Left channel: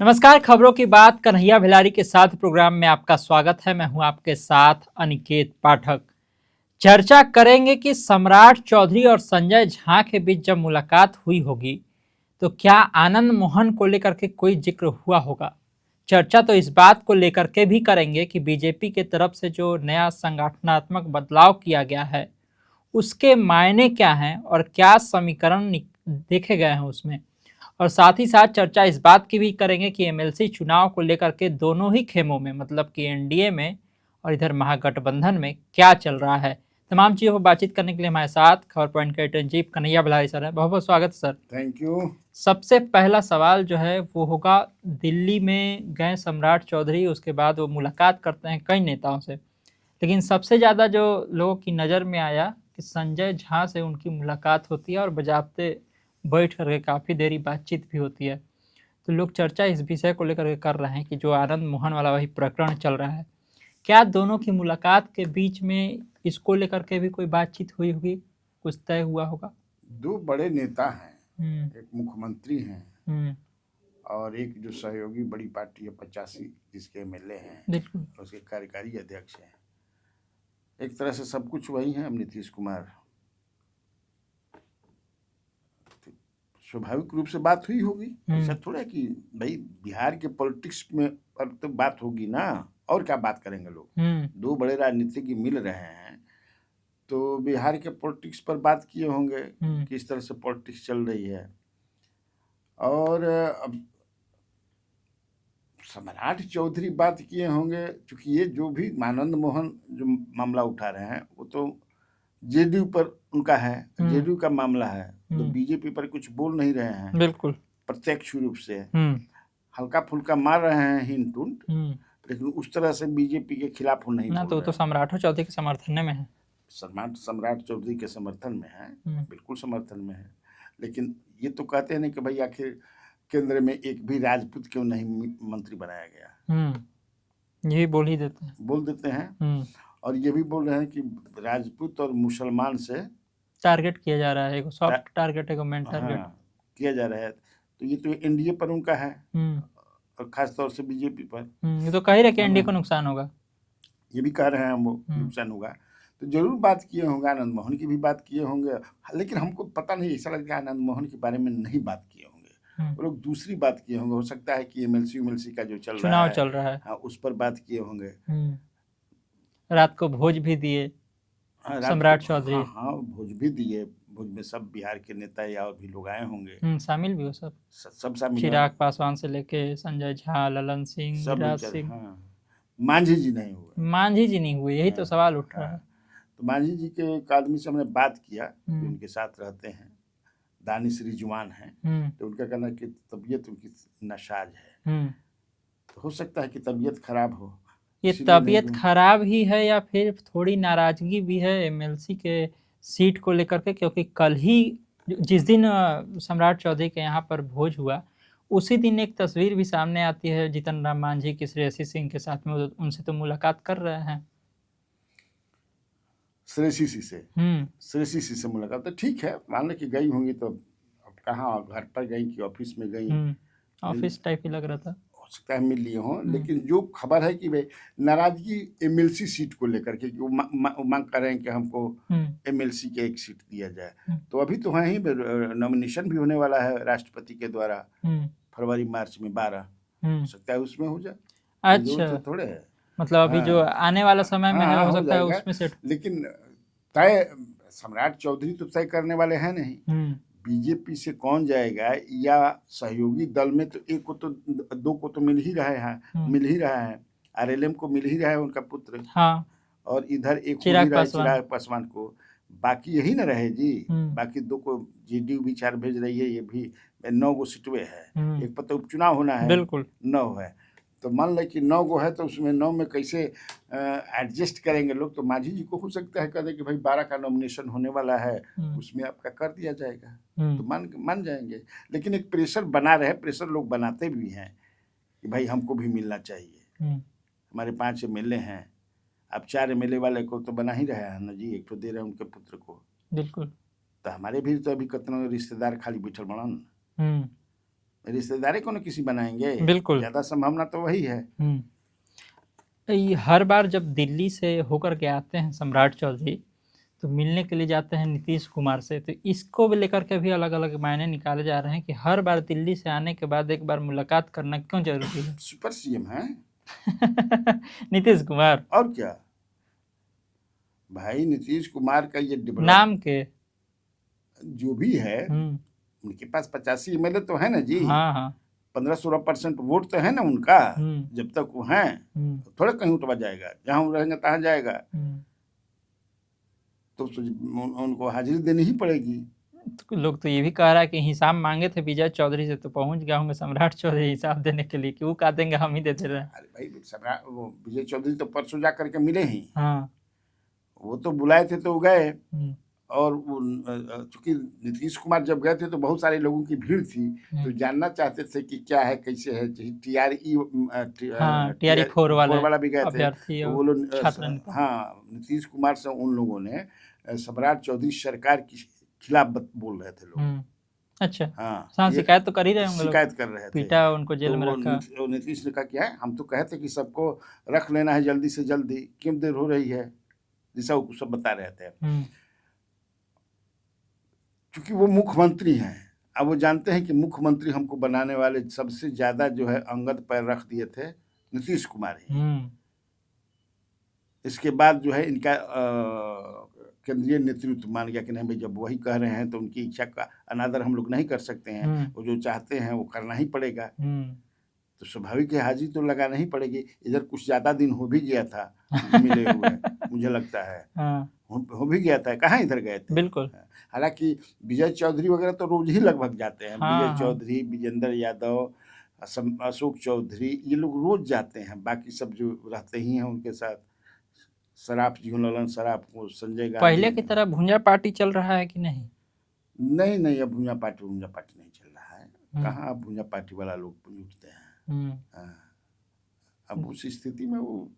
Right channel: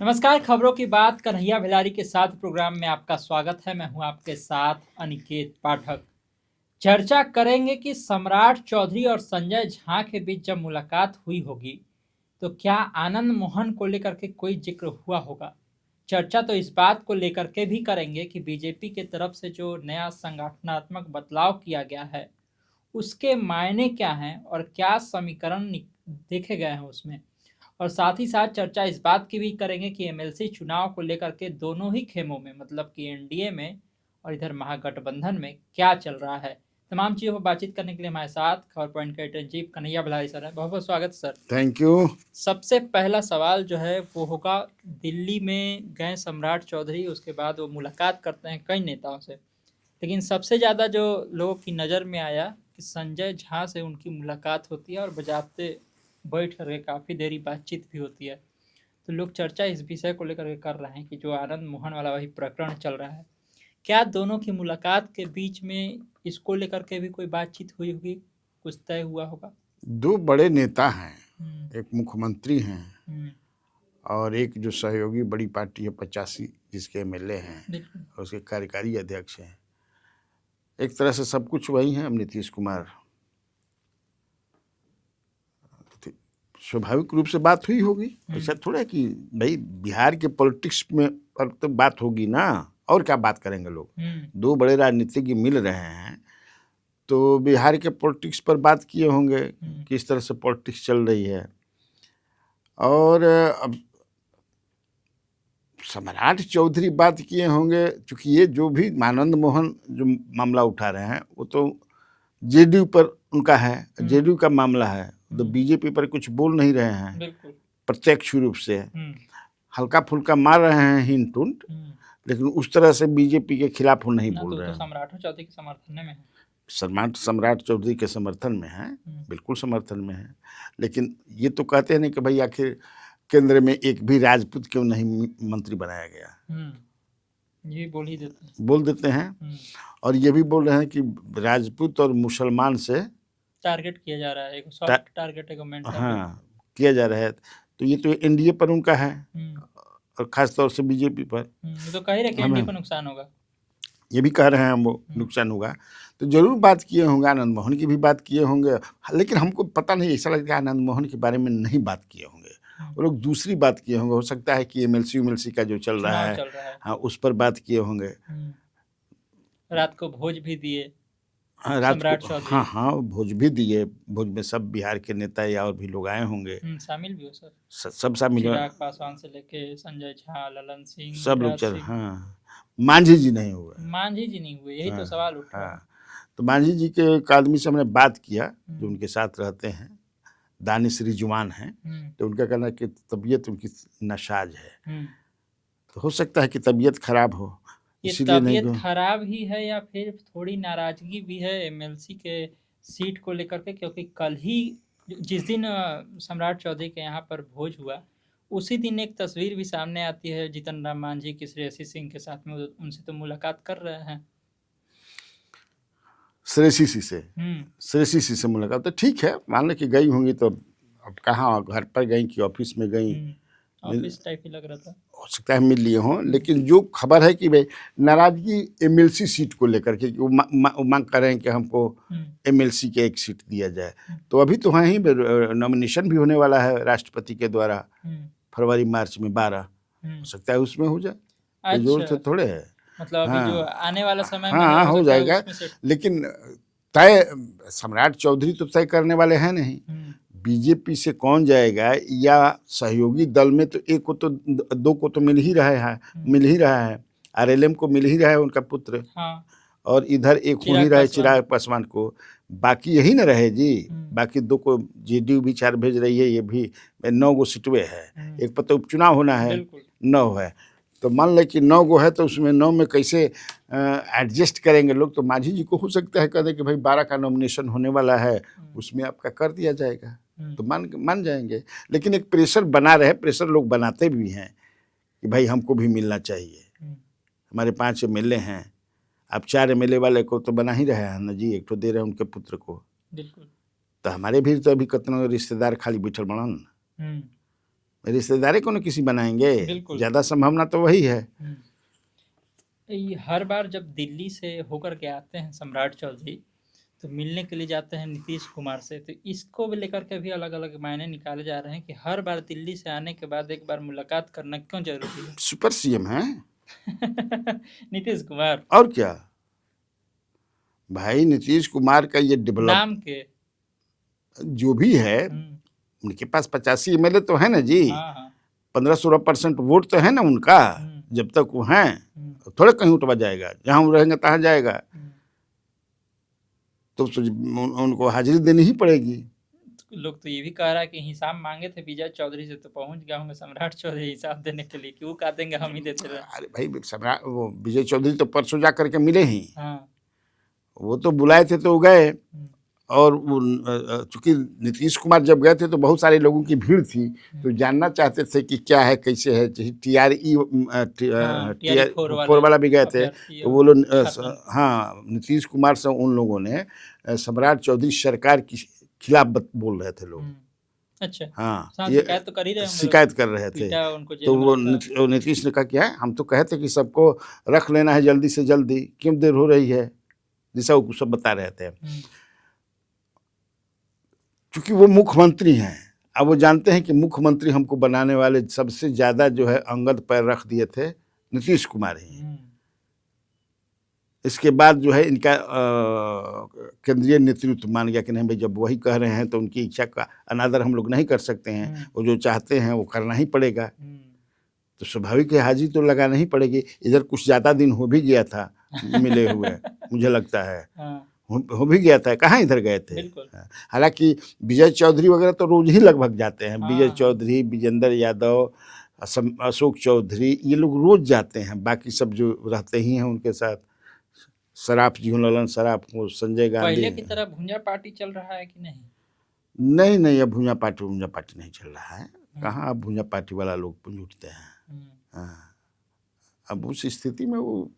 नमस्कार, खबरों की बात कन्हैया भिलारी के साथ प्रोग्राम में आपका स्वागत है। मैं हूं आपके साथ अनिकेत पाठक। चर्चा करेंगे कि सम्राट चौधरी और संजय झा के बीच जब मुलाकात हुई होगी तो क्या आनंद मोहन को लेकर के कोई जिक्र हुआ होगा। चर्चा तो इस बात को लेकर के भी करेंगे कि बीजेपी के तरफ से जो नया संगठनात्मक बदलाव किया गया है उसके मायने क्या हैं और क्या समीकरण देखे गए हैं उसमें। और साथ ही साथ चर्चा इस बात की भी करेंगे कि एमएलसी चुनाव को लेकर के दोनों ही खेमों में मतलब कि एनडीए में और इधर महागठबंधन में क्या चल रहा है। तमाम चीज़ों पर बातचीत करने के लिए हमारे साथ खबर पॉइंट के editor in chief Kanhaiya Bhilari sir है। बहुत बहुत स्वागत सर। Thank you. सबसे पहला सवाल जो है वो होगा, दिल्ली में गए सम्राट चौधरी, उसके बाद वो मुलाकात करते हैं कई नेताओं से, लेकिन सबसे ज़्यादा जो लोगों की नज़र में आया कि संजय झा से उनकी मुलाकात होती है और बजाते बैठ करके काफ़ी देरी बातचीत भी होती है। तो लोग चर्चा इस विषय को लेकर के कर रहे हैं कि जो आनंद मोहन वाला वही प्रकरण चल रहा है, क्या दोनों की मुलाकात के बीच में इसको लेकर के भी कोई बातचीत हुई होगी, कुछ तय हुआ होगा। दो बड़े नेता हैं, एक मुख्यमंत्री हैं और एक जो सहयोगी बड़ी पार्टी है 85 जिसके एमएलए हैं और उसके कार्यकारी अध्यक्ष हैं। एक तरह से सब कुछ वही हैं। नीतीश कुमार, स्वाभाविक रूप से बात हुई होगी। ऐसा थोड़ा कि भाई बिहार के पॉलिटिक्स में पर तो बात होगी ना, और क्या बात करेंगे लोग। दो बड़े राजनीतिज्ञ मिल रहे हैं तो बिहार के पॉलिटिक्स पर बात किए होंगे, किस तरह से पॉलिटिक्स चल रही है। और अब सम्राट चौधरी बात किए होंगे, क्योंकि ये जो भी आनंद मोहन जो मामला उठा रहे हैं वो तो जेडीयू पर उनका है, जेडीयू का मामला है, तो बीजेपी पर कुछ बोल नहीं रहे हैं। बिल्कुल प्रत्यक्ष रूप से हल्का फुल्का मार रहे हैं हिंट उंट, लेकिन उस तरह से बीजेपी के खिलाफ वो नहीं बोल रहे हैं। तो सम्राट चौधरी के समर्थन में है, सम्राट चौधरी के समर्थन में है, बिल्कुल समर्थन में है। लेकिन ये तो कहते हैं नहीं कि भाई आखिर केंद्र में एक भी राजपूत क्यों नहीं मंत्री बनाया गया। यही बोल देते हैं। और ये भी बोल रहे हैं कि राजपूत और मुसलमान से टारगेट किया जा रहा है, एक सॉफ्ट टारगेट, एक मेन टारगेट। हाँ, किया जा रहा है। तो ये तो एनडीए पर उनका है और खास तौर से बीजेपी पर। तो कह रहे कि एनडीए को नुकसान होगा, ये भी कह रहे हैं वो नुकसान होगा। तो जरूर बात किए होंगे, आनंद मोहन की भी बात किए होंगे, लेकिन हमको पता नहीं, ऐसा लगता है आनंद मोहन के बारे में नहीं बात किए होंगे। वो लोग दूसरी बात किए होंगे। हो सकता है कि एमएलसी का जो चल रहा है हाँ, उस पर बात किए होंगे। रात को भोज भी दिए सम्राट चौधरी। हाँ, भोज भी दिए। भोज में सब बिहार के नेता या और भी लोग आए होंगे, शामिल भी हो सब शामिल। चिराग पासवान से लेके संजय झा, ललन सिंह, सब लोग चल। हाँ, मांझी जी नहीं हुए। मांझी जी नहीं हुए, यही तो सवाल उठ रहा है। तो मांझी जी के एक आदमी से हमने बात किया जो उनके साथ रहते हैं, दानिश रिजवान हैं। तो उनका कहना है कि तबीयत उनकी नासाज है। तो हो सकता है कि तबीयत खराब हो। ये तबीयत खराब ही है या फिर थोड़ी नाराजगी भी है एमएलसी के सीट को लेकर के, क्योंकि कल ही जिस दिन सम्राट चौधरी के यहाँ पर भोज हुआ उसी दिन एक तस्वीर भी सामने आती है जीतन राम मांझी की श्रेयसी सिंह के साथ में। उनसे तो मुलाकात कर रहे हैं, श्रेयसी से मुलाकात। तो ठीक है, मान लो कि गई होंगी, तो अब कहाँ, घर पर गई कि ऑफिस में गई, ऑफिस टाइप ही लग रहा था। हो सकता है मिल लिए हों। लेकिन जो खबर है कि भाई नाराजगी एमएलसी सीट को लेकर के, वो मांग कर रहे हैं कि हमको एमएलसी के एक सीट दिया जाए। तो अभी तो वहीं नॉमिनेशन भी होने वाला है राष्ट्रपति के द्वारा, फरवरी मार्च में 12, हो सकता है उसमें हो जाए। अच्छा, जोर तो थोड़े है, मतलब अभी जो आने वाला समय में हो जाएगा। लेकिन तय सम्राट चौधरी तो तय करने वाले हैं नहीं। बीजेपी से कौन जाएगा या सहयोगी दल में तो एक को तो, दो को तो मिल ही रहा है। आरएलएम को मिल ही रहा है उनका पुत्र। हाँ। और इधर एक हो ही रहा है चिराग पासवान को। बाकी यही ना रहे जी। बाकी दो को जेडीयू भी 4 भेज रही है, ये भी 9 गो सीटवे है। एक पर तो उपचुनाव होना है, 9 है। तो मान ले कि 9 गो है, तो उसमें 9 में कैसे एडजस्ट करेंगे लोग। तो मांझी जी को हो सकता है कह दे कि भाई 12 का नॉमिनेशन होने वाला है, उसमें आपका कर दिया जाएगा, तो मान जाएंगे। लेकिन एक प्रेशर बना रहे, प्रेशर लोग बनाते भी हैं कि भाई हमको भी मिलना चाहिए। हमारे 5 एमएलए हैं, आप 4 एमएलए वाले को तो बना ही रहे हैं ना जी, एक तो दे रहे हैं उनके पुत्र को। बिल्कुल। तो हमारे भी तो अभी कितना रिश्तेदार खाली बैठल बनन। रिश्तेदारी को न किसी बनाएंगे, बिल्कुल। ज्यादा संभावना तो वही है। ये हर बार जब दिल्ली से होकर के आते हैं सम्राट चौधरी, तो मिलने के लिए जाते हैं नीतीश कुमार से, तो इसको भी लेकर के भी अलग अलग मायने निकाले जा रहे हैं कि हर बार दिल्ली से आने के बाद एक बार मुलाकात करना क्यों जरूरी है। सुपर सीएम है नीतीश कुमार, और क्या भाई, नीतीश कुमार का ये डेवलप नाम के जो भी है, उनके पास 85 एमएलए तो है ना जी, हाँ हाँ 15-16% वोट तो है ना उनका। जब तक वो हैं तो थोड़े कहीं उठवा जाएगा, जहाँ वो रहेंगे तहाँ जाएगा, तो उनको हाजिरी देनी ही पड़ेगी। तो लोग तो ये भी कह रहा है कि हिसाब मांगे थे विजय चौधरी से, तो पहुंच गया होंगे सम्राट चौधरी हिसाब देने के लिए, कि वो कह देंगे हम ही देते रहे। अरे भाई, सम्राट वो विजय चौधरी तो परसों जा करके मिले ही। हाँ, वो तो बुलाए थे तो गए, और चूंकि नीतीश कुमार जब गए थे तो बहुत सारे लोगों की भीड़ थी, तो जानना चाहते थे कि क्या है कैसे है। TRE 4 वाला भी गए थे, तो वो लोग हाँ नीतीश कुमार से उन लोगों ने सम्राट चौधरी सरकार की खिलाफ बोल रहे थे लोग। अच्छा, हाँ, शिकायत तो कर ही रहे हैं, शिकायत कर रहे थे, उनको जेल तो में वो नीतीश ने कहा क्या है, हम तो कहते कि सबको रख लेना है जल्दी से जल्दी, क्यों देर हो रही है, जैसा वो सब बता रहे थे। क्योंकि वो मुख्यमंत्री हैं, अब वो जानते हैं कि मुख्यमंत्री हमको बनाने वाले सबसे ज्यादा जो है अंगद पैर रख दिए थे नीतीश कुमार ही। इसके बाद जो है इनका केंद्रीय नेतृत्व मान गया कि नहीं भाई, जब वही कह रहे हैं तो उनकी इच्छा का अनादर हम लोग नहीं कर सकते हैं, वो जो चाहते हैं वो करना ही पड़ेगा। तो स्वाभाविक है हाजिरी तो लगाना ही पड़ेगी। इधर कुछ ज्यादा दिन हो भी गया था मिले हुए मुझे लगता है हो भी गया था, कहाँ इधर गए थे। बिल्कुल। हालांकि विजय चौधरी वगैरह तो रोज ही लगभग जाते हैं। विजय चौधरी, विजेंद्र यादव, अशोक चौधरी, ये लोग रोज जाते हैं। बाकी सब जो रहते ही हैं उनके साथ, सराफ जी, ललन सराफ को, संजय गांधी। पहले की तरह भुंजा पार्टी चल रहा है कि नहीं? नहीं, अब भुंजा पार्टी नहीं चल रहा है। कहाँ अब भुंजा पार्टी वाला लोग जुटते हैं। अब उस स्थिति में वो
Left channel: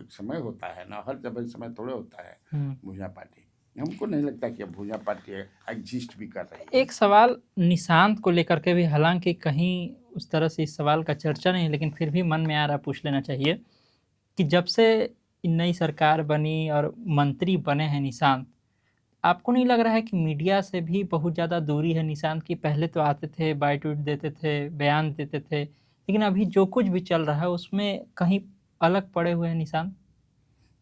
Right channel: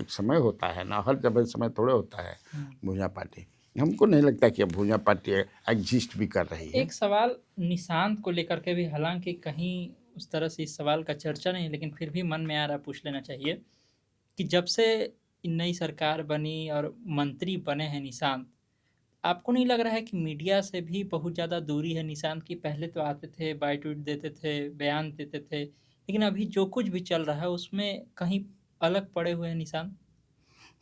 एक समय होता है ना, हर जब समय थोड़े होता है भुंजा पार्टी। हमको नहीं लगता कि अब भुंजा पार्टी एग्जिस्ट भी कर रही है। एक सवाल निशांत को लेकर के भी, हालांकि कहीं उस तरह से इस सवाल का चर्चा नहीं, लेकिन फिर भी मन में आ रहा, पूछ लेना चाहिए कि जब से नई सरकार बनी और मंत्री बने हैं निशांत, आपको नहीं लग रहा है कि मीडिया से भी बहुत ज़्यादा दूरी है निशांत की? पहले तो आते थे, बाइट देते थे, बयान देते थे, लेकिन अभी जो कुछ भी चल रहा है उसमें कहीं अलग पड़े हुए हैं निशांत।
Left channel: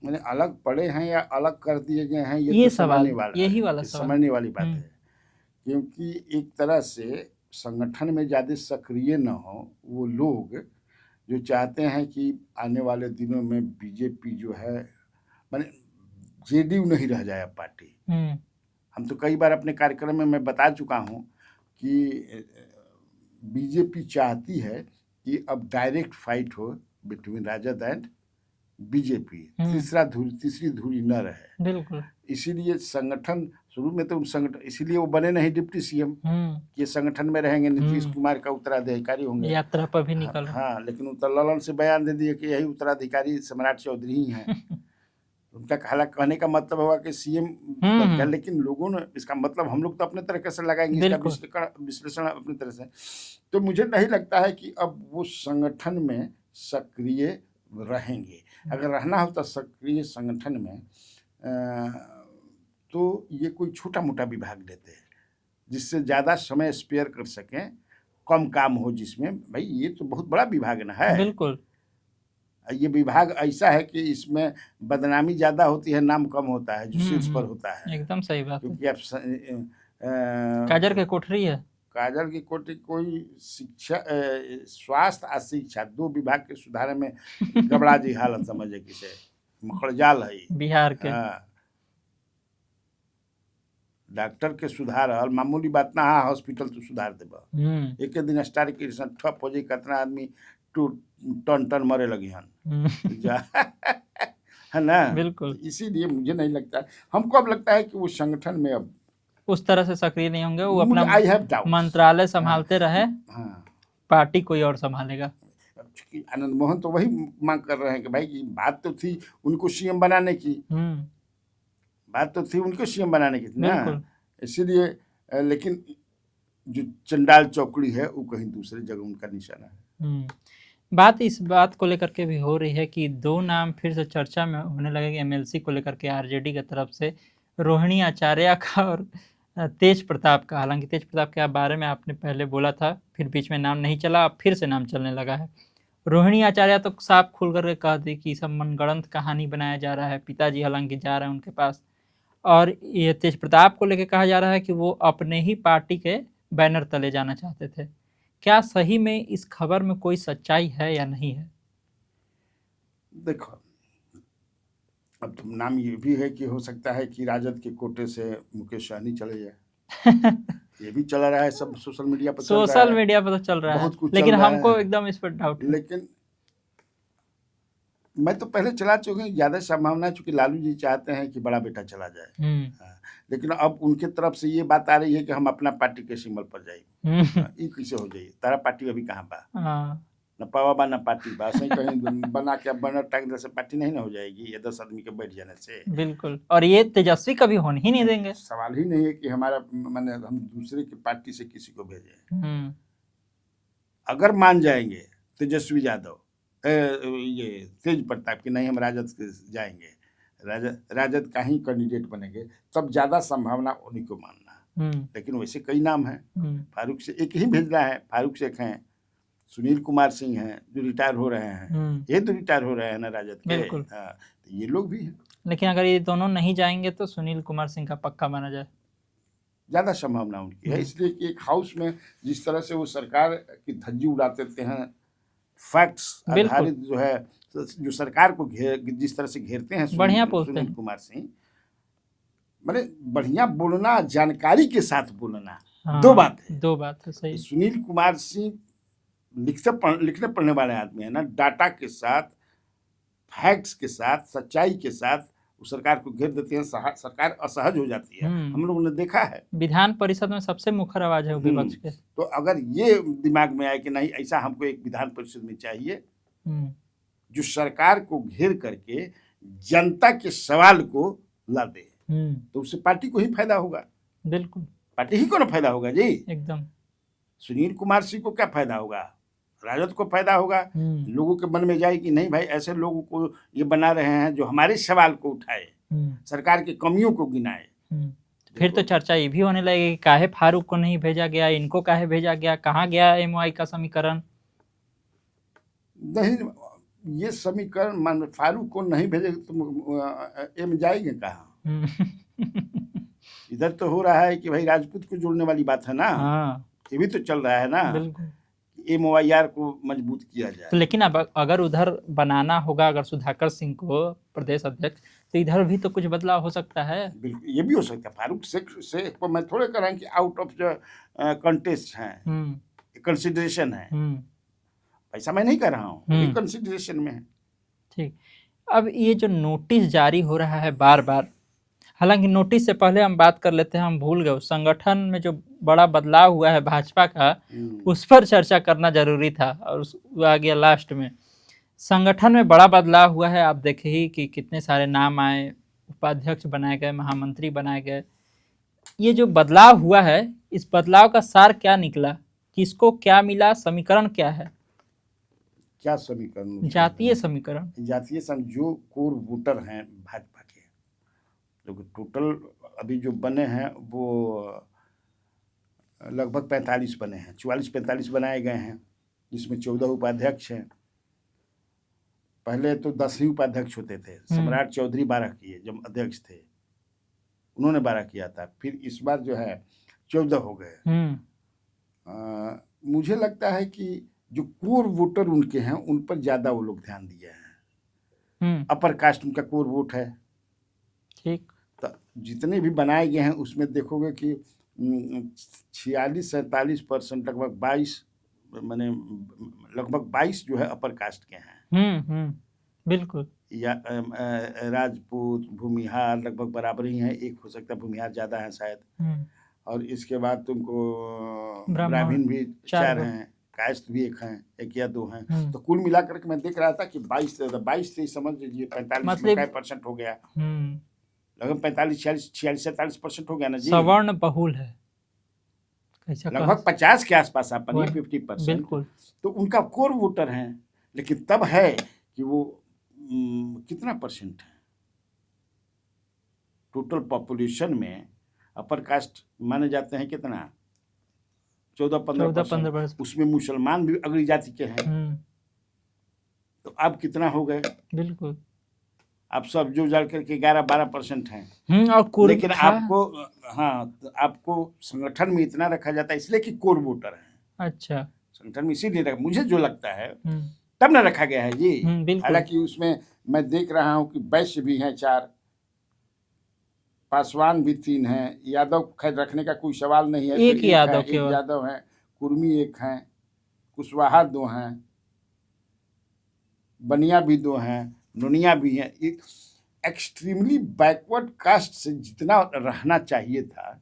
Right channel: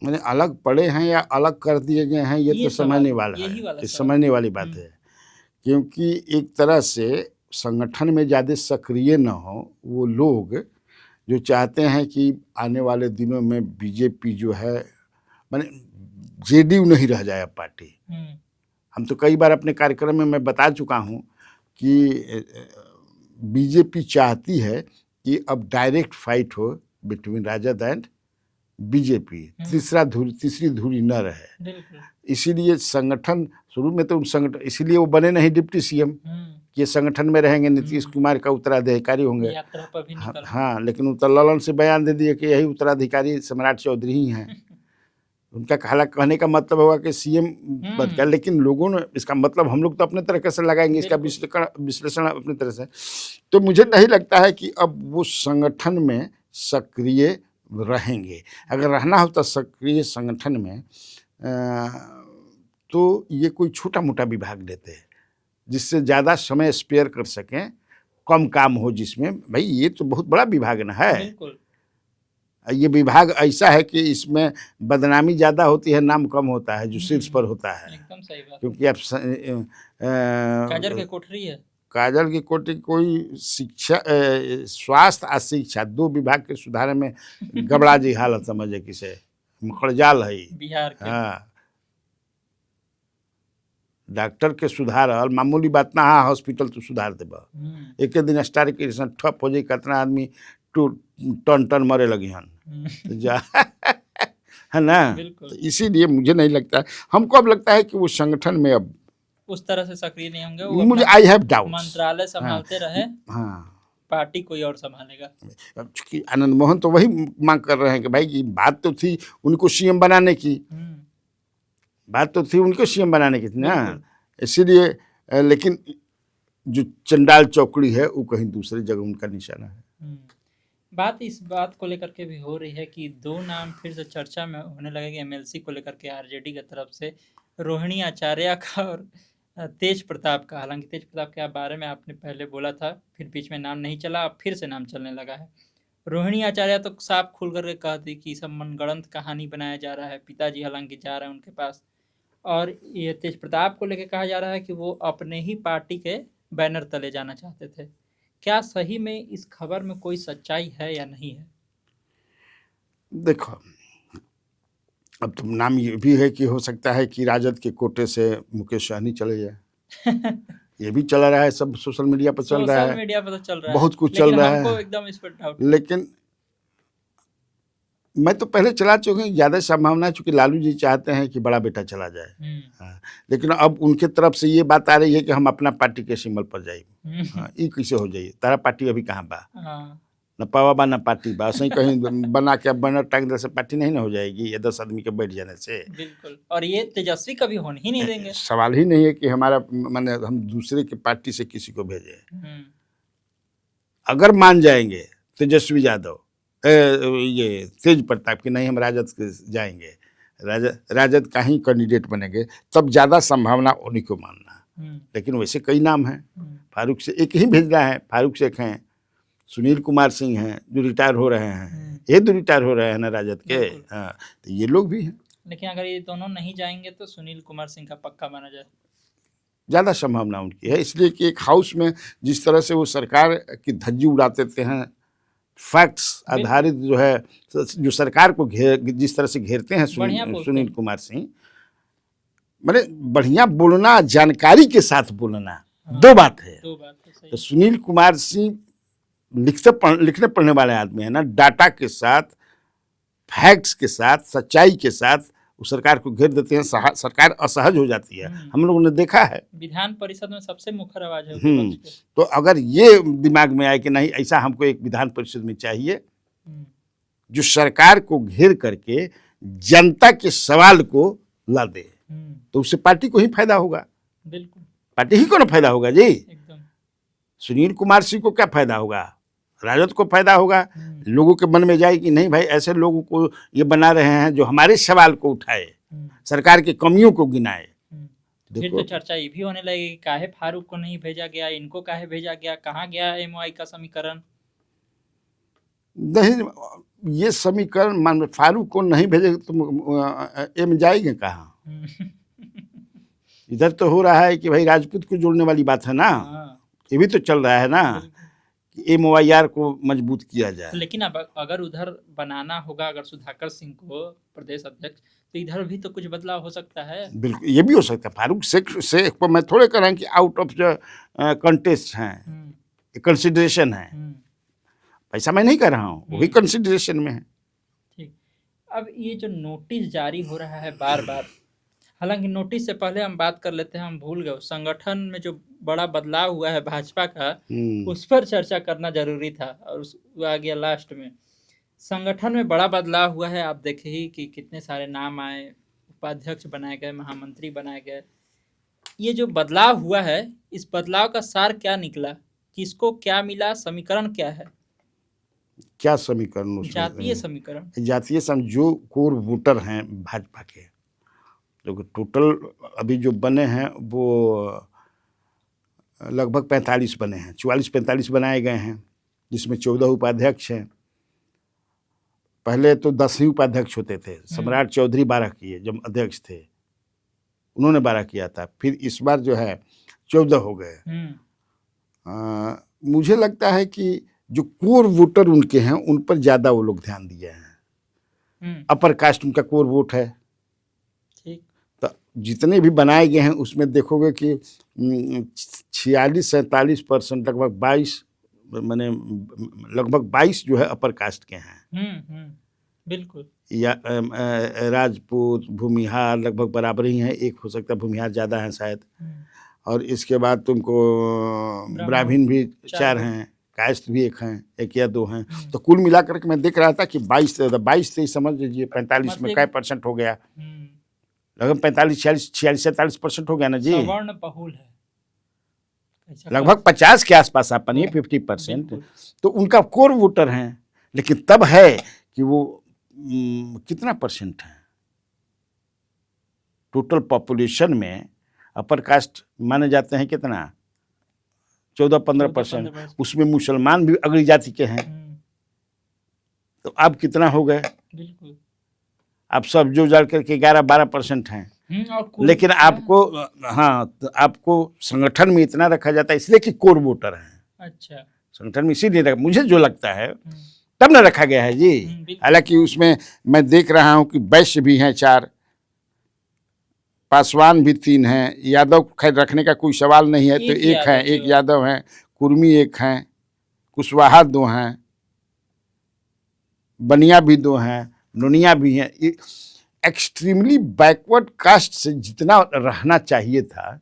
मैंने अलग पड़े हैं या अलग कर दिए गए हैं, ये तो समझने वाली बात है। क्योंकि एक तरह से संगठन में ज़्यादा सक्रिय न हो वो लोग जो चाहते हैं कि आने वाले दिनों में बीजेपी जो है, माने जेडीयू नहीं रह जाए अब पार्टी। हम तो कई बार अपने कार्यक्रम में मैं बता चुका हूँ कि बीजेपी चाहती है कि अब डायरेक्ट फाइट हो बिटवीन राजद एंड बीजेपी, तीसरी धुरी न रहे। बिल्कुल। इसीलिए संगठन शुरू में तो संगठन, इसीलिए वो बने नहीं डिप्टी सीएम, ये संगठन में रहेंगे, नीतीश कुमार का उत्तराधिकारी होंगे, यात्रा पर भी निकल। हाँ, लेकिन ललन से बयान दे दिए कि यही उत्तराधिकारी सम्राट चौधरी ही हैं। उनका कहने का मतलब होगा कि सीएम बन गया, लेकिन लोगों ने इसका मतलब हम लोग तो अपने तरीके से लगाएंगे, इसका विश्लेषण अपने तरह से। तो मुझे नहीं लगता है कि अब वो संगठन में सक्रिय रहेंगे। अगर रहना हो तो सक्रिय संगठन में तो ये कोई छोटा मोटा विभाग लेते हैं जिससे ज़्यादा समय स्पेयर कर सकें, कम काम हो जिसमें। भाई ये तो बहुत बड़ा विभाग ना है। बिल्कुल। ये विभाग ऐसा है कि इसमें बदनामी ज़्यादा होती है, नाम कम होता है जो शीर्ष पर होता है। एकदम सही बात। क्योंकि आप काजल की कोठरी है, काजल की कोटरी कोई शिक्षा, स्वास्थ्य और शिक्षा, 2 विभाग के सुधार में गबड़ा जी हालत समझे किसे मखड़जाल है बिहार के। हाँ, डॉक्टर के सुधार मामूली बात ना, हाँ हॉस्पिटल तो सुधार देबा। एक दिन स्टार के ठप हो जाए, कितना आदमी टन मरे लगी हन है ना। बिल्कुल। इसीलिए मुझे नहीं लगता, हमको अब लगता है कि वो संगठन में अब उस तरह से सक्रिय नहीं होंगे। वो मुझे आई हैव डाउट, मंत्रालय संभालते रहे, हाँ, पार्टी कोई और संभालेगा। चूंकि आनंद मोहन तो वही मांग कर रहे हैं कि भाई, बात तो थी उनको सीएम बनाने की, बात तो थी उनको सीएम बनाने की ना, इसीलिए। लेकिन जो चंडाल चौकड़ी है वो कहीं दूसरी जगह उनका निशाना है। बात इस बात को लेकर के भी हो रही है कि दो नाम फिर से चर्चा में होने लगे एमएलसी को लेकर के आरजेडी की तरफ से, रोहिणी आचार्य का और तेज प्रताप का। हालांकि तेज प्रताप के बारे में आपने पहले बोला था, फिर बीच में नाम नहीं चला, अब फिर से नाम चलने लगा है। रोहिणी आचार्य तो साफ खुल करके कह दी कि सब मनगढ़ंत कहानी बनाया जा रहा है, पिताजी हालांकि जा रहे हैं उनके पास। और ये तेज प्रताप को लेकर कहा जा रहा है कि वो अपने ही पार्टी के बैनर तले जाना चाहते थे। क्या सही में इस खबर में कोई सच्चाई है या नहीं है? देखो, अब तो नाम ये भी है कि हो सकता है कि राजद के कोटे से मुकेश सहनी चले जाए। ये भी चला रहा है, सब सोशल मीडिया पर चल रहा है। सोशल मीडिया पर तो चल रहा है, बहुत कुछ चल लेकिन रहा है। हमको एकदम इस पर डाउट है। लेकिन मैं तो पहले चला चुके हैं, ज़्यादा संभावना है, चूंकि लालू जी चाहते हैं कि बड़ा बेटा चला जाए। हाँ, लेकिन अब उनके तरफ से ये बात आ रही है कि हम अपना पार्टी के सिंबल पर जाइए। ये कैसे हो जाइए? तारा पार्टी अभी कहाँ बा? न पावा बा न पार्टी बा, सही कहीं बना के बैनर टांग दे से पार्टी नहीं ना हो जाएगी ये 10 आदमी के बैठ जाने से। बिल्कुल, और ये तेजस्वी कभी होने ही नहीं देंगे। सवाल ही नहीं है कि हमारा माने हम दूसरे के पार्टी से किसी को भेजे। अगर मान जाएंगे तेजस्वी यादव ये तेज प्रताप की नहीं हम राजद के जाएंगे, राजद का ही कैंडिडेट बनेंगे, तब ज़्यादा संभावना उन्हीं को मानना। लेकिन वैसे कई नाम हैं, फारूक से एक ही भेजना है, फारूक शेख हैं, सुनील कुमार सिंह हैं जो रिटायर हो रहे हैं, ये तो रिटायर हो रहे हैं ना राजद के। हाँ, तो ये लोग भी हैं। लेकिन अगर ये दोनों नहीं जाएंगे तो सुनील कुमार सिंह का पक्का माना जाए, ज़्यादा संभावना उनकी है। इसलिए कि एक हाउस में जिस तरह से वो सरकार की धज्जी उड़ाते हैं, फैक्ट्स आधारित जो है, जो सरकार को जिस तरह से घेरते हैं सुनील कुमार सिंह, माने बढ़िया बोलना, जानकारी के साथ बोलना। हाँ, दो बात है सही। तो सुनील कुमार सिंह लिखने पढ़ने वाले आदमी है ना, डाटा के साथ, फैक्ट्स के साथ, सच्चाई के साथ वो सरकार को घेर देते हैं, सरकार असहज हो जाती है। हम लोगों ने देखा है विधान परिषद में सबसे मुखर आवाज है विपक्ष के। तो अगर ये दिमाग में आए कि नहीं ऐसा हमको एक विधान परिषद में चाहिए जो सरकार को घेर करके जनता के सवाल को ला दे, तो उससे पार्टी को ही फायदा होगा। बिल्कुल, पार्टी ही को ना फायदा होगा जी, एकदम। सुनील कुमार सिंह को क्या फायदा होगा? राजद को फायदा होगा। लोगों के मन में जाए कि नहीं भाई ऐसे लोगों को ये बना रहे हैं जो हमारे सवाल को उठाए, सरकार की कमियों को गिनाए। फिर तो चर्चा ये भी होने लगेगी काहे फारूक को नहीं भेजा गया, इनको काहे भेजा गया, कहाँ गया एमओआई का समीकरण। नहीं, ये समीकरण मान फारूक को नहीं भेजे तो एम जाएंगे कहाँ? इधर तो हो रहा है कि भाई राजपूत को जोड़ने वाली बात है ना। ये भी तो चल रहा है ना, MOIR को मजबूत किया जाए। लेकिन अब अगर उधर बनाना होगा, अगर सुधाकर सिंह को प्रदेश अध्यक्ष, तो इधर भी तो कुछ बदलाव हो सकता है। बिल्कुल, ये भी हो सकता है। फारूक शेख को मैं थोड़े कह रहा हूँ कि आउट ऑफ कंटेस्ट हैं, कंसिडरेशन है, ऐसा मैं नहीं कह रहा हूँ, वो भी कंसिडरेशन में है। ठीक, अब ये जो नोटिस जारी हो रहा है बार बार, हालांकि नोटिस से पहले हम बात कर लेते हैं, हम भूल गए संगठन में जो बड़ा बदलाव हुआ है भाजपा का, उस पर चर्चा करना जरूरी था और वो आ गया लास्ट में। संगठन में बड़ा बदलाव हुआ है, आप देखे ही कि कितने सारे नाम आए, उपाध्यक्ष बनाए गए, महामंत्री बनाए गए। ये जो बदलाव हुआ है, इस बदलाव का सार क्या निकला, किसको क्या मिला, समीकरण क्या है? क्या समीकरण? जातीय समीकरण। जातीय जो कोर वोटर हैं भाजपा के, जो टोटल अभी जो बने हैं वो लगभग 45 बने हैं, 44-45 बनाए गए हैं, जिसमें 14 उपाध्यक्ष हैं। पहले तो 10 ही उपाध्यक्ष होते थे। सम्राट चौधरी 12 किए जब अध्यक्ष थे, उन्होंने 12 किया था। फिर इस बार जो है 14 हो गए। मुझे लगता है कि जो कोर वोटर उनके हैं उन पर ज़्यादा वो लोग ध्यान दिए हैं। अपर कास्ट उनका कोर वोट है। ठीक, तो जितने भी बनाए गए हैं उसमें देखोगे कि 46-47% लगभग 22 माने लगभग 22 जो है अपर कास्ट के हैं। बिल्कुल, या राजपूत भूमिहार लगभग बराबर ही हैं, एक हो सकता है भूमिहार ज़्यादा है शायद। और इसके बाद तुमको ब्राह्मण भी 4 हैं, कास्ट भी 1 हैं, 1 या 2 हैं। तो कुल मिलाकर के मैं देख रहा था कि 22 से समझ लीजिए 45 में क्या % हो गया, लगभग 45-46-47% हो गया ना जी। सवर्ण बहुल है, कैसा लगभग 50 के आसपास आप मानिए, बिल्कुल। 50%। बिल्कुल। तो उनका कोर वोटर हैं, लेकिन तब है कि वो कितना परसेंट है टोटल पॉपुलेशन में, अपर कास्ट माने जाते हैं कितना, 14-15%। 14-15%। उसमें मुसलमान भी अगली जाति के हैं, तो अब कितना हो गए, बिल्कुल। आप सब जो जाड़ करके 11-12% हैं। और लेकिन आपको, हाँ, तो आपको संगठन में इतना रखा जाता है इसलिए कि कोर वोटर हैं। अच्छा। संगठन में इसीलिए रखा, मुझे जो लगता है तब न रखा गया है जी। बिल्कुल। हालांकि उसमें मैं देख रहा हूं कि वैश्य भी हैं 4, पासवान भी 3 हैं, यादव खैर रखने का कोई सवाल नहीं है, तो एक एक है, यादव एक केवल। यादव हैं, कुर्मी एक हैं, कुशवाहा 2 हैं, बनिया भी 2 हैं, नुनिया भी हैं। एक्सट्रीमली बैकवर्ड कास्ट से जितना रहना चाहिए था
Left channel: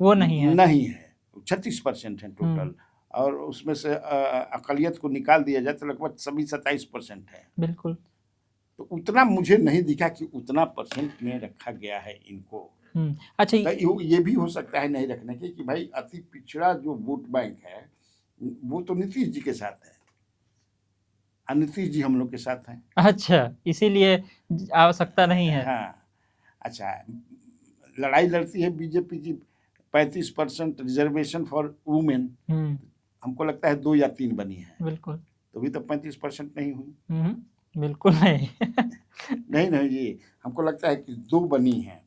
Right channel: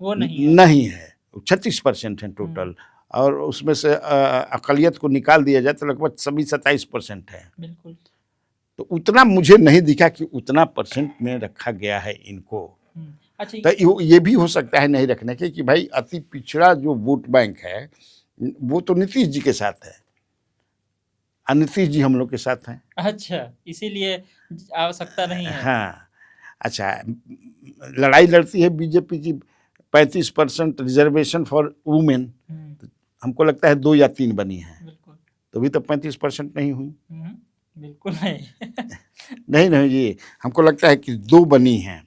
वो नहीं है। नहीं है, 36% है टोटल, और उसमें से अकलियत को निकाल दिया जाए तो लगभग सभी 27% है। बिल्कुल। तो उतना मुझे नहीं दिखा कि उतना परसेंट में रखा गया है इनको। अच्छा, तो ये भी हो सकता है नहीं रखने के कि भाई अति पिछड़ा जो वोट बैंक है वो तो नीतीश जी के साथ है, और नीतीश जी हम लोग के साथ हैं। अच्छा, इसीलिए आवश्यकता नहीं है। हाँ, अच्छा, लड़ाई लड़ती है बीजेपी की 35% रिजर्वेशन फॉर वुमेन, हमको लगता है 2 या 3 बनी है। बिल्कुल। तो भी तो 35% नहीं हुई। बिल्कुल नहीं। नहीं जी, हमको लगता है कि 2 बनी हैं,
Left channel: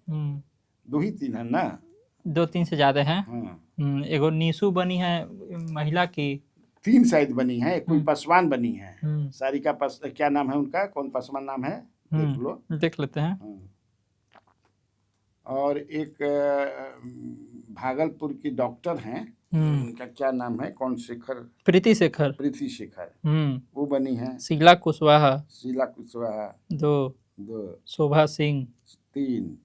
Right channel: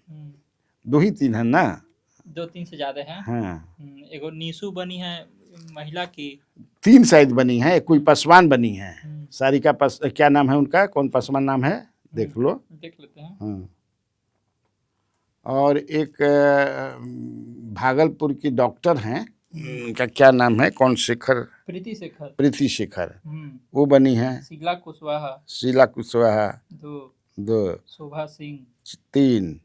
2 ही 3 है ना, 2-3 से ज्यादा है। हाँ, एगो नीसू बनी है महिला की, 3 शायद बनी है, कोई पासवान बनी है, सारिका पास, क्या नाम है उनका, कौन पासवान नाम है, देख लो, देख लेते हैं। और एक भागलपुर की डॉक्टर हैं, उनका क्या नाम है, कौन शेखर, प्रीति शेखर, प्रीति शेखर, वो बनी है। शीला कुशवाहा, शीला कुशवाहा 2, शोभा सिंह 3,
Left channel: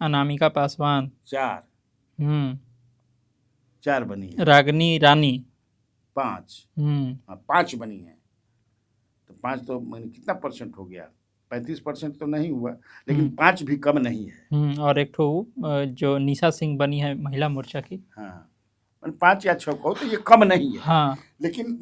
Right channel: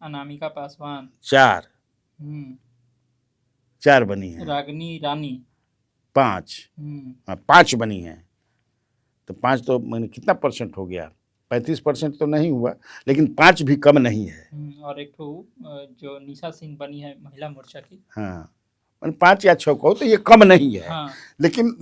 अनामिका पासवान 4 बनी है। रागनी रानी 5 5 बनी है। तो 5 तो मैंने कितना परसेंट हो गया, 35% तो नहीं हुआ, लेकिन 5 भी कम नहीं है। और एक ठो जो निशा सिंह बनी है महिला मोर्चा की, हाँ, 5 या 6 कहो तो ये कम नहीं है। हाँ। लेकिन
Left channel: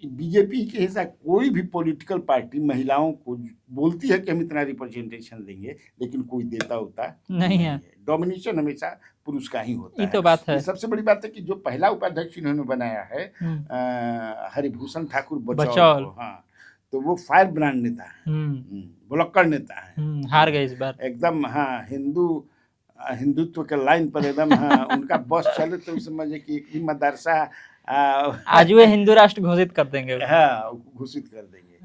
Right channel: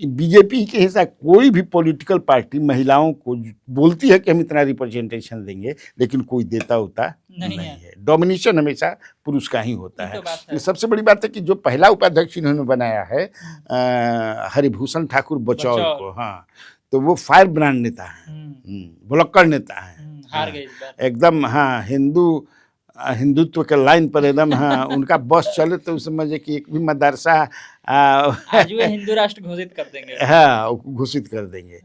बीजेपी के हिसाब कोई भी पॉलिटिकल पार्टी महिलाओं को बोलती है कि हम इतना रिप्रेजेंटेशन देंगे, लेकिन कोई देता होता नहीं है। डोमिनेशन हमेशा पुरुष का ही होता है। तो बात है। सबसे बड़ी बात है कि जो पहला उपाध्यक्ष इन्होंने बनाया है हरिभूषण ठाकुर बचौल को, हाँ, तो वो फायर ब्रांड नेता है, भुलक्कड़ नेता है, हार गए इस बार एकदम। हाँ, हिंदुत्व के लाइन पर एकदम। हाँ, उनका बस चले तो समझे कि एक भी मदरसा आज वे हिंदू राष्ट्र घोषित कर देंगे। हाँ, घोषित कर देंगे।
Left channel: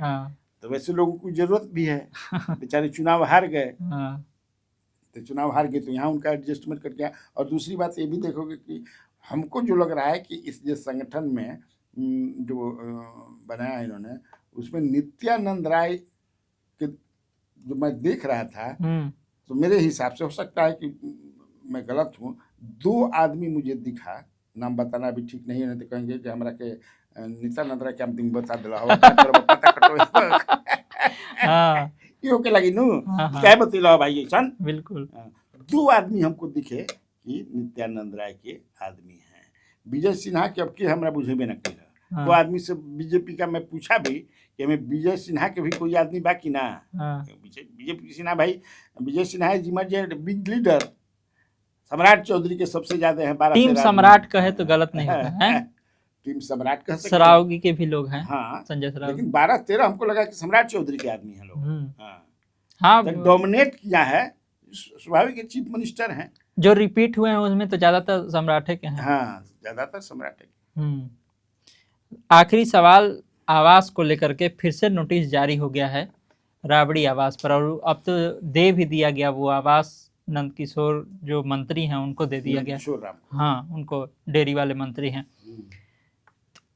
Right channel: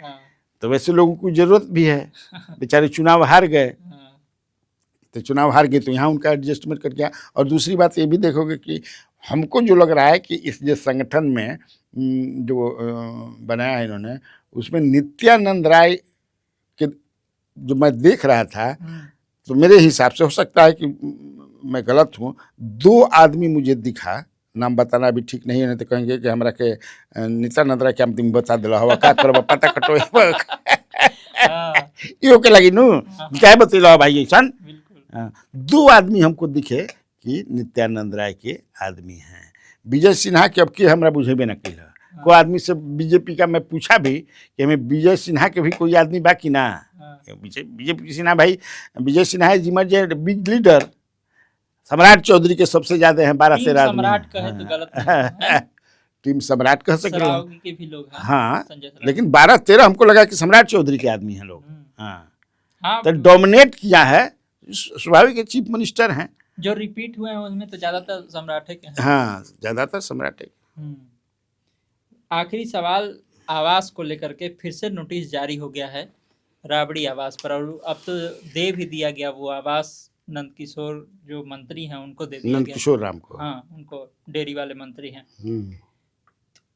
तो वैसे लोगों को जरूरत भी है, बेचारे चुनाव हार गए, तो चुनाव हार गए तो यहाँ उनका एडजस्टमेंट कर गया। और दूसरी बात ये भी देखोगे कि हमको जो लग रहा है कि इस जो संगठन में जो बनाया है इन्होंने, उसमें नित्यानंद राय के जो मैं देख रहा था, तो मेरे हिसाब से, हो सकता है कि मैं गलत हूँ, 2 आदमी मुझे दिखा, नाम बताना भी ठीक नहीं है, नहीं तो कहेंगे कि हमरा के नित्यानंद राय के हम तुम बता दिला हवा का करबा पता कटो यो के लगी नु क्या बतिला भाई ऐसन। बिल्कुल। 2 आदमी हमको दिखे कि नित्यानंद राय के आदमी हैं। विजय सिन्हा के अब के हमरा बुझेबे न कैला। कोई आदमी से बीजेपी का मैं पूछा भी कि हमें विजय सिन्हा के भी कोई आदमी बाकी ना, बीजेपी सिन्हा भाई, Vijay Sinha is emergent big leader, Samrat Chaudhary के सबसे ज्यादा हैं 12-13 सम्राट कहे तो गलत नहीं है। टीम सम्राट कह सकते हैं, सरावगी के भी लोग हैं। हाँ, लेकिन 12-13 हमको लगा कि सम्राट चौधरी के आदमी हैं लोग। हाँ, तो डोमिनेट किया है, स्वाभाविक चीफ मिनिस्टर हैं, जो रिपीट हुए हैं उसमें तो ज्यादातर सम्राट के हैं। हाँ, ज्यादातर सम्राट है। आखिरी सवाल, आवास को लेकर के फिर से नोटिस जारी हो गया है राबड़ी आवास पर, और अब तो दे भी दिया गया वो आवास नंदकिशोर जो मंत्री हैं उनको दे दिया गया, नंदकिशोर राम को। हाँ, उनको डेयरी वाले मंत्री हैं।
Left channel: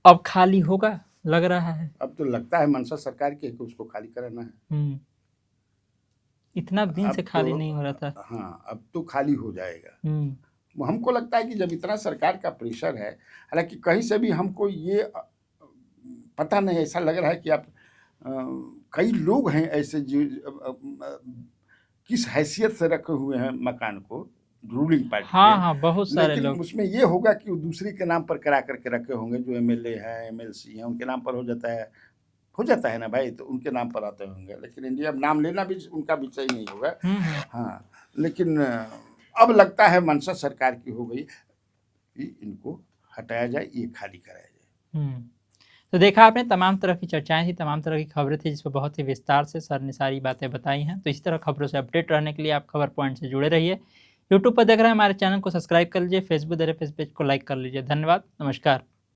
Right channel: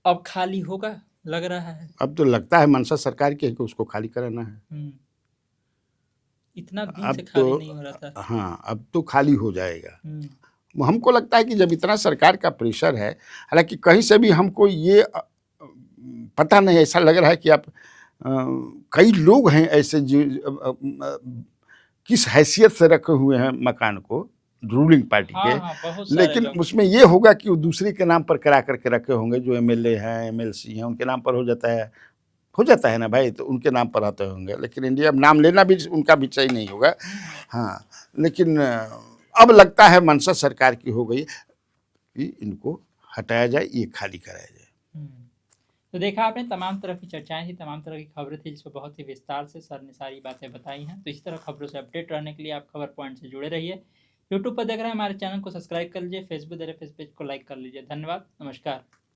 अब खाली होगा लग रहा है। अब तो लगता है मनसा सरकार की है कि उसको खाली कराना है। इतना दिन से खाली नहीं हो रहा था। हाँ, अब तो खाली हो जाएगा। हमको लगता है कि जब इतना सरकार का प्रेशर है, हालांकि कहीं से भी हमको ये पता नहीं, ऐसा लग रहा है कि आप कई लोग हैं ऐसे जो किस हैसियत से रखे हुए हैं मकान को, रूलिंग पार्टी हाँ के। हाँ, बहुत सारे लेकिन लोग। उसमें ये होगा कि वो दूसरे के नाम पर करा करके रखे होंगे, जो एमएलए हैं, एमएलसी हैं, उनके नाम पर हो जाता है ना भाई, तो उनके नाम पर आते होंगे। लेकिन इंडिया अब नाम लेना भी उनका भी सही नहीं होगा। हम्म। हाँ, लेकिन अब लगता है मंशा सरकार की हो गई कि इनको हटाया जाए, ये खाली कराया जाए। तो देखा आपने, तमाम तरह की चर्चाएं थी, तमाम तरह की खबरें थी, जिस पर बहुत ही विस्तार से सर ने सारी बातें बताई हैं। तो इसी तरह खबरों से अपडेट रहने के लिए आप खबर पॉइंट से जुड़े रहिए। यूट्यूब पर देख रहे हैं हमारे चैनल को सब्सक्राइब कर लीजिए, फेसबुक देख रहे हैं, पेज को लाइक कर लीजिए। धन्यवाद, नमस्कार।